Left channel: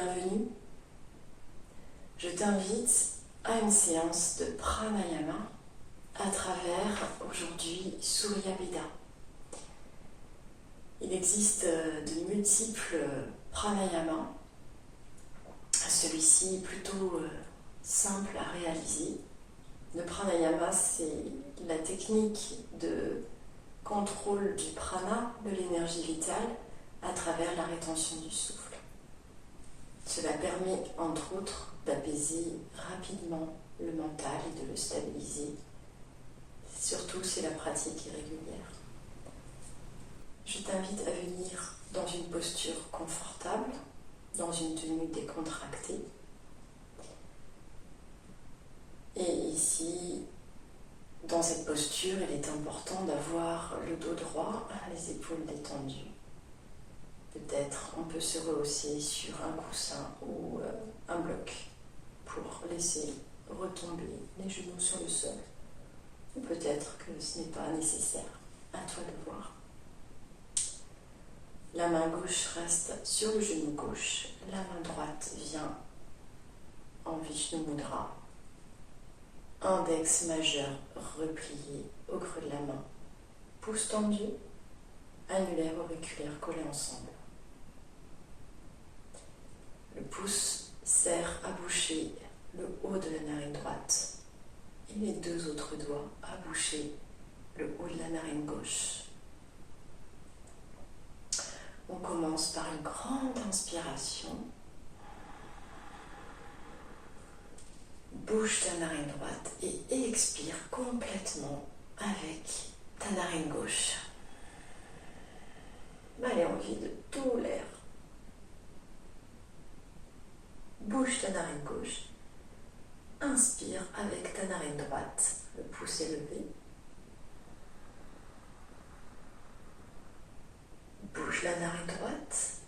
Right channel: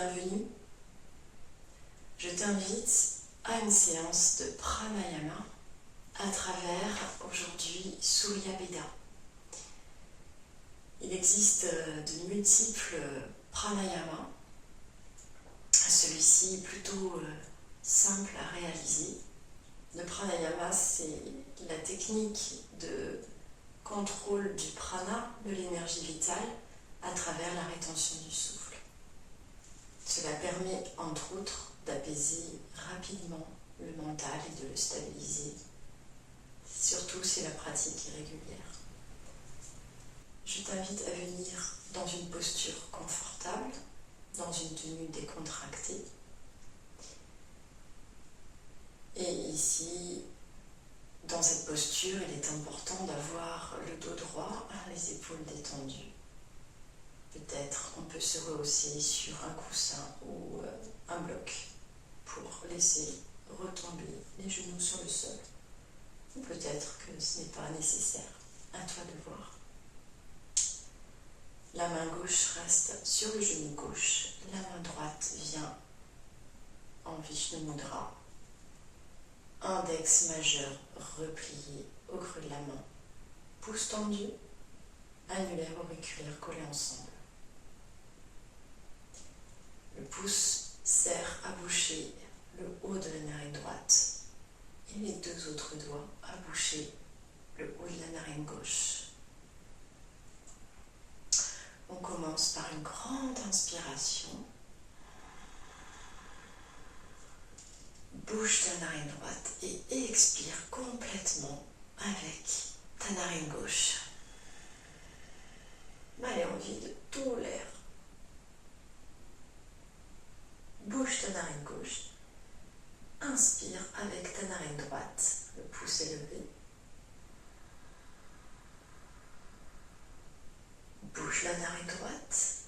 bienvenue. Je t'invite à une séance de pranayama à travers aujourd'hui Surya Veda. Il existe de multiples pranayamas, celui-ci est plutôt simple à réaliser. Le pranayama, c'est la technique de contrôle du prana, de l'énergie vitale, à travers la rétention du souffle. Cela permet, entre autres, d'apaiser rapidement le mental et de le stabiliser, surtout si la pratique est régulière. Je t'invite à venir dans une posture confortable, dans une tenue décontractée. Et ici, dans cette posture, il est important d'avoir le dos droit, les épaules détendues. Peut-être on peut se rehausser sur un coussin ou un bloc pour laisser retomber les genoux sur le sol. Ou peut-être que ce n'est pas nécessaire. À toi de voir. La main gauche reste sur le genou gauche. La main droite vient en Vishnu Mudra. Index majeur replié au creux de la main. Pouce tendu, annulaire auriculaire collés ensemble. Le pouce sert à boucher le haut de la narine droite et les deux autres doigts à boucher le haut de la narine gauche. On commence par une grande inspiration. Bouge ta narine droite et expire complètement avec ta narine gauche. Allez, on vide tout l'air. Bouge ta narine gauche. Inspire avec ta narine droite, le pouce élevé. Bouge la narine droite.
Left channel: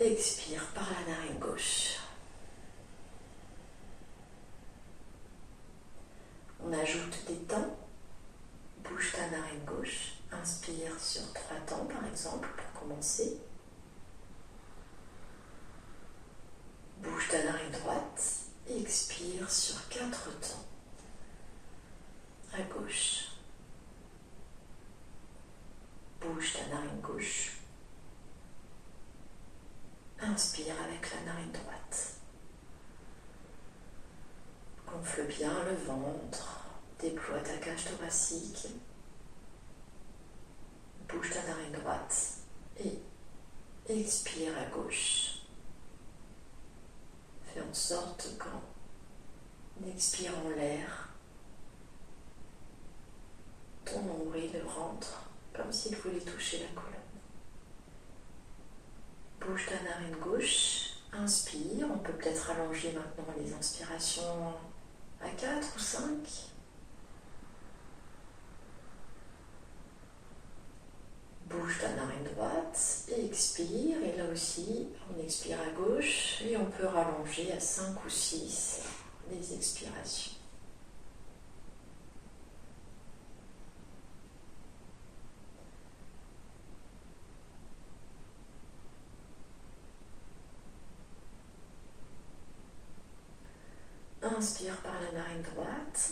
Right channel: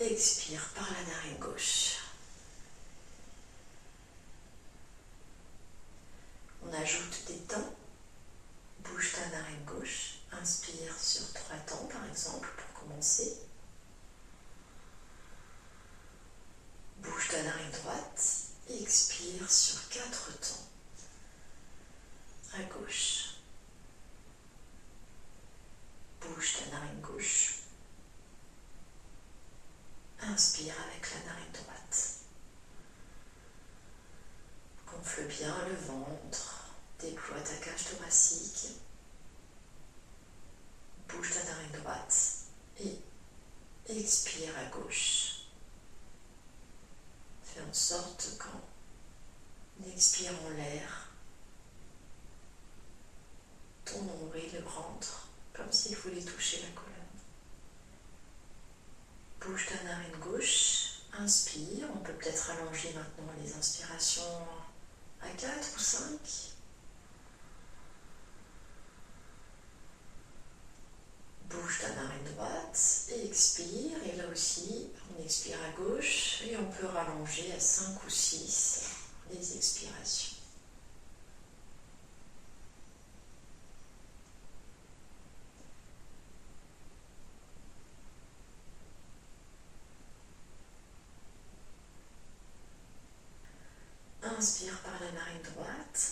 Expire par la narine gauche. On ajoute des temps. Bouge ta narine gauche. Inspire sur 3 temps, par exemple, pour commencer. Bouge ta narine droite. Expire sur 4 temps. À gauche. Bouge ta narine gauche. Inspire avec la narine droite. Gonfle bien le ventre. Déploie ta cage thoracique. Bouge ta narine droite. Et expire à gauche. Fais en sorte qu'en expirant l'air, ton nombril rentre comme s'il voulait toucher la colonne. Bouge ta narine gauche, inspire, on peut peut-être allonger maintenant les inspirations à 4 ou 5. Bouge ta narine droite et expire, et là aussi on expire à gauche et on peut rallonger à 5 ou 6 les expirations. Inspire par la narine droite.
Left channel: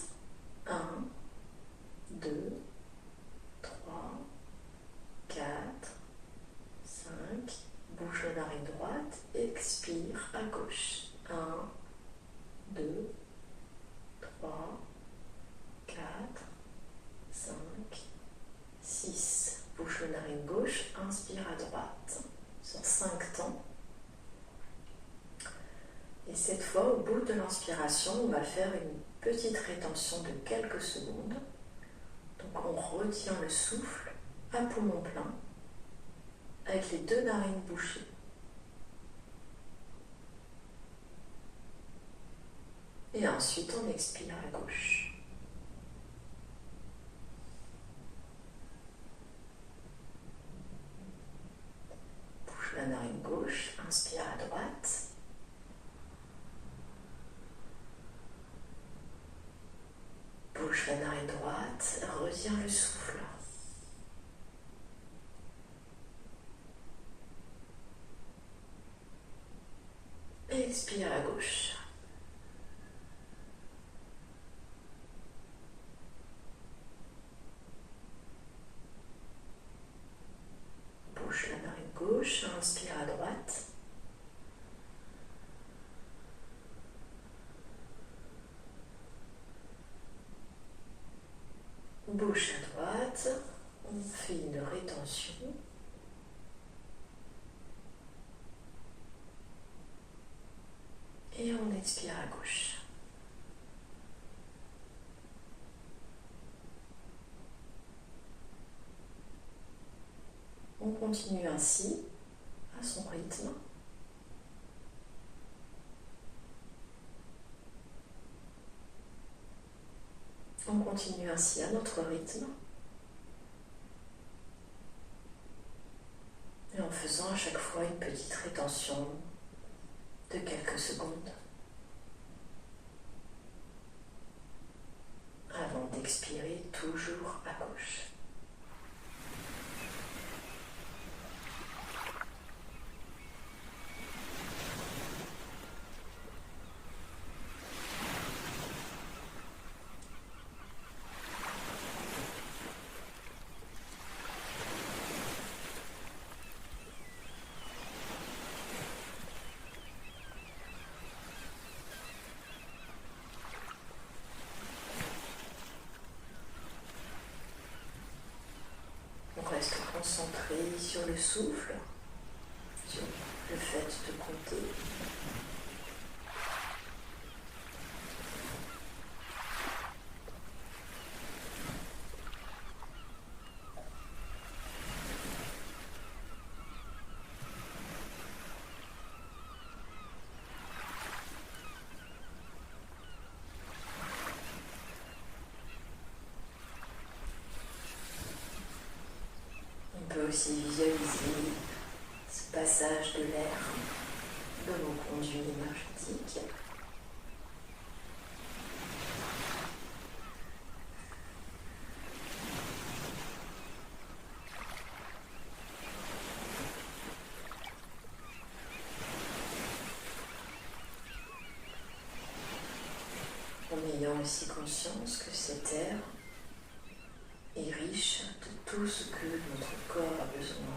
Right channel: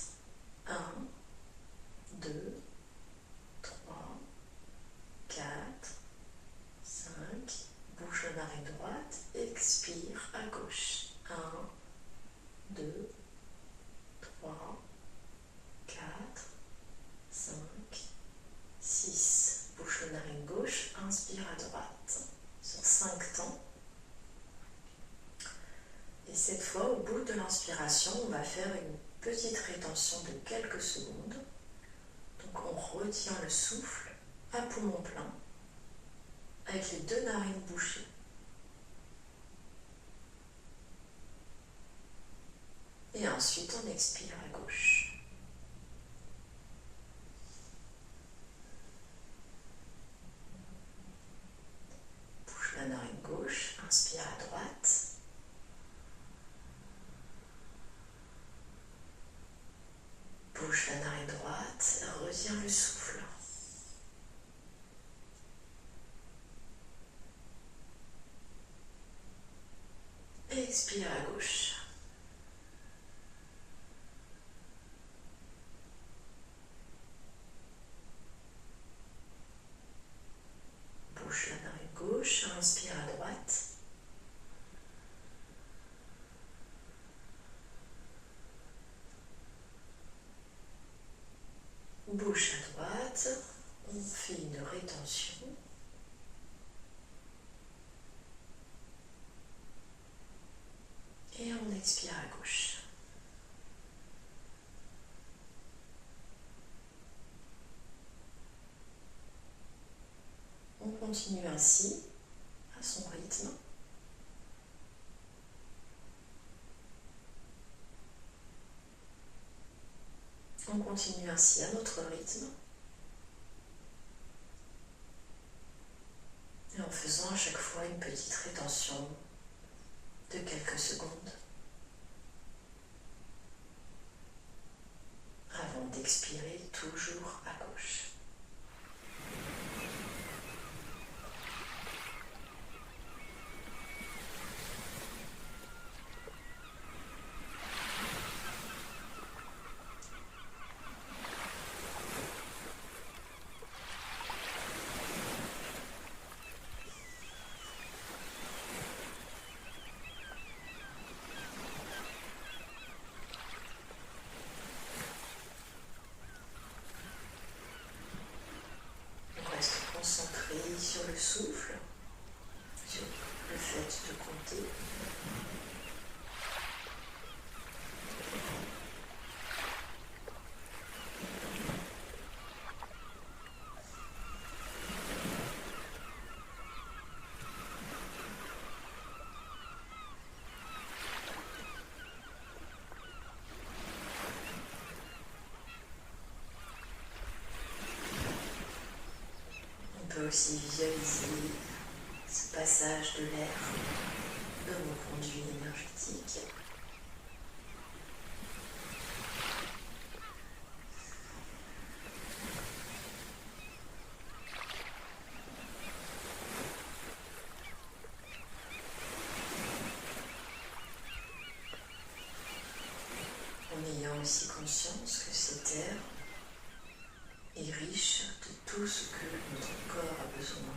1, 2, 3, 4, 5. Bouge la narine droite. Expire à gauche. 1, 2, 3, 4, 5, 6. Bouge la narine gauche. Inspire à droite. Sur 5 temps. Et cette fois, au bout de l'inspiration, on va faire une petite rétention de quelques secondes. Donc on retient le souffle à poumon plein, avec les 2 narines bouchées. Et ensuite, on expire à gauche. Bouge la narine gauche, inspire à droite. Bouge la narine droite, retiens le souffle. Expire à gauche. Bouche la narine gauche, inspire à droite. Bouche à droite, on fait une rétention. Et on expire à gauche. On continue ainsi, à son rythme. On continue ainsi à notre rythme. Et en faisant à chaque fois une petite rétention de quelques secondes. Avant d'expirer toujours à gauche. On reste concentré sur le souffle, sur le fait de compter. On peut aussi visualiser ce passage de l'air dans nos conduits énergétiques. En ayant aussi conscience que cet air est riche de tout ce que notre corps a besoin.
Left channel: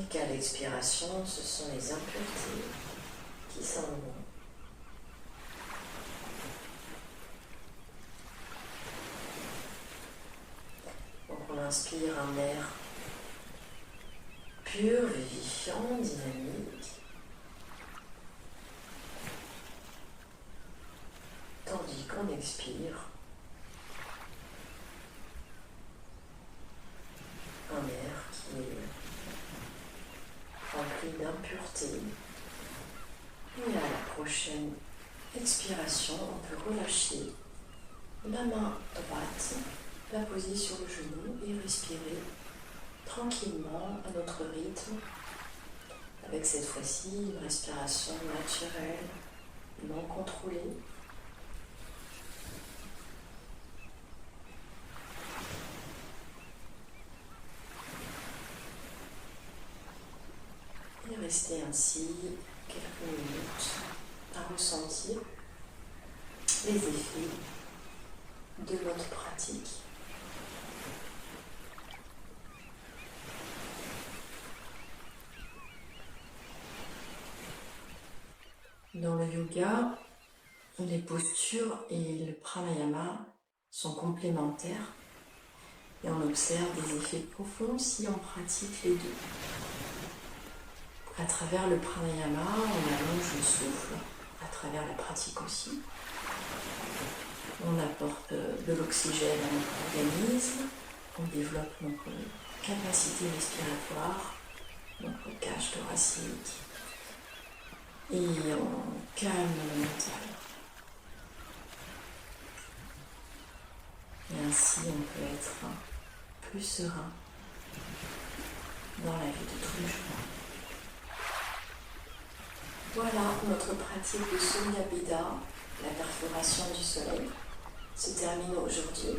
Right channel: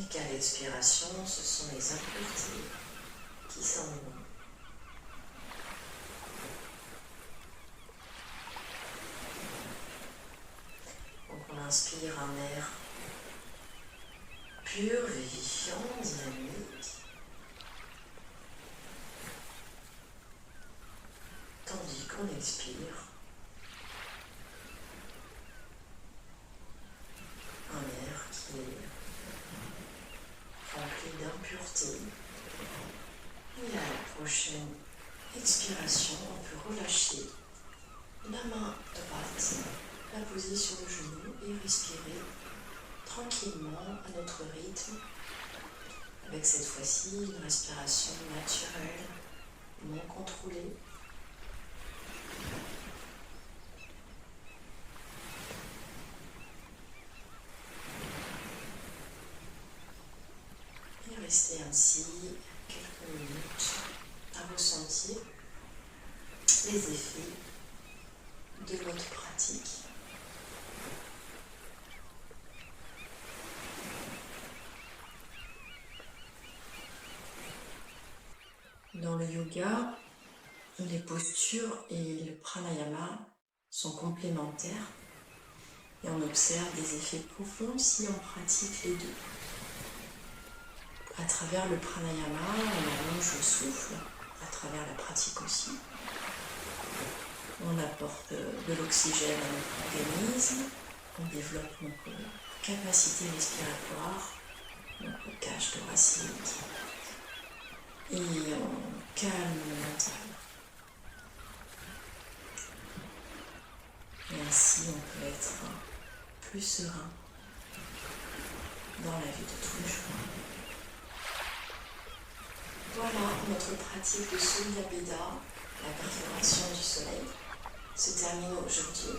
Et qu'à l'expiration, ce sont les impuretés qui s'en vont. Donc on inspire un air pur, vivifiant, dynamique. Tandis qu'on expire un air qui est rempli d'impureté. Et à la prochaine expiration, on peut relâcher la main droite, la poser sur le genou et respirer tranquillement à notre rythme, avec cette fois-ci une respiration naturelle, non contrôlée. Et rester ainsi quelques minutes à ressentir les effets de notre pratique. Dans le yoga, les postures et le pranayama sont complémentaires et on observe des effets profonds si on pratique les deux. À travers le pranayama, on allonge le souffle, à travers la pratique aussi. On apporte de l'oxygène à notre organisme, on développe notre capacité respiratoire, notre cage thoracique, et on calme le mental. Et ainsi, on peut être plus serein dans la vie de tous les jours. Voilà, notre pratique de Suryabheda, la perforation du soleil, se termine aujourd'hui.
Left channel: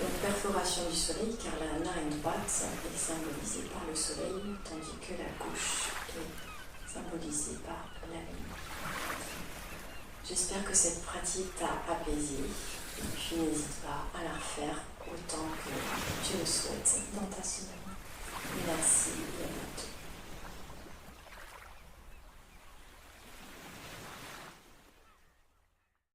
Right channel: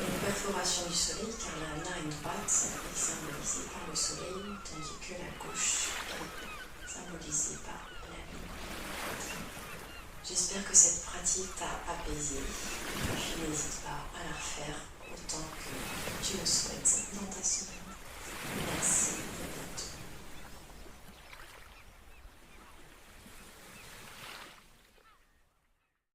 une perforation du soleil, car la narine droite est symbolisée par le soleil, tandis que la gauche est symbolisée par la lune. J'espère que cette pratique t'a apaisé. Tu n'hésites pas à la refaire